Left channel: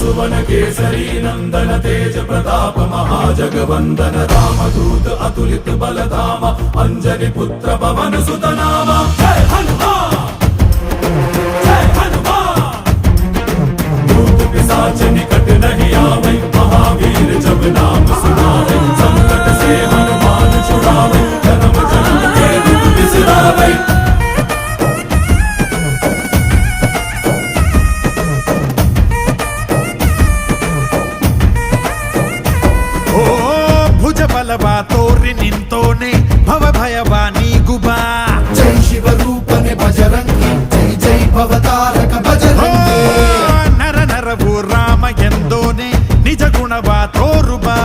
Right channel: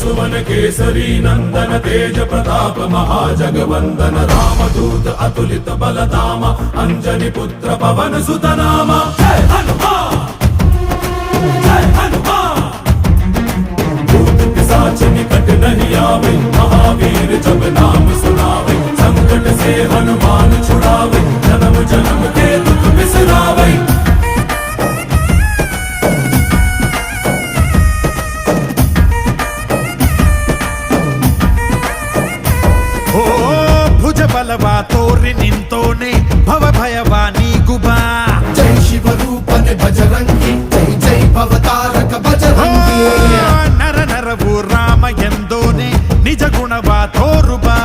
सुवन केसरी नंदन तेज प्रताप महाजगवंदन रामदूत अतुलित बलधाम अंजनी पुत्र पवन सुत नाम जय हनुमान जय हनुमान। भूत पिशाच निकट नहीं आवे महावीर जब नाम सुनावे संकट से हनुमान छुड़ावे जन्म जन्म के दुख बिसरावे। ಓ ಭುಜ ಬಲವ ತೋರಿ ನಿಂತೋನೆ ಭವ ಭಯವ ನೀಗುಬಾ ಜೈ ಶಿವ ರೂಪನೆ ಬಜರಂಗಿ ಜೈ ಜೈ ಭವತಾರಕ ಬಜರಂಗಿ ನರ ನರವು ರಾಮ ಎಂದೋನೆ ನಿಜ ಗುಣವ ತೋರುಬಾ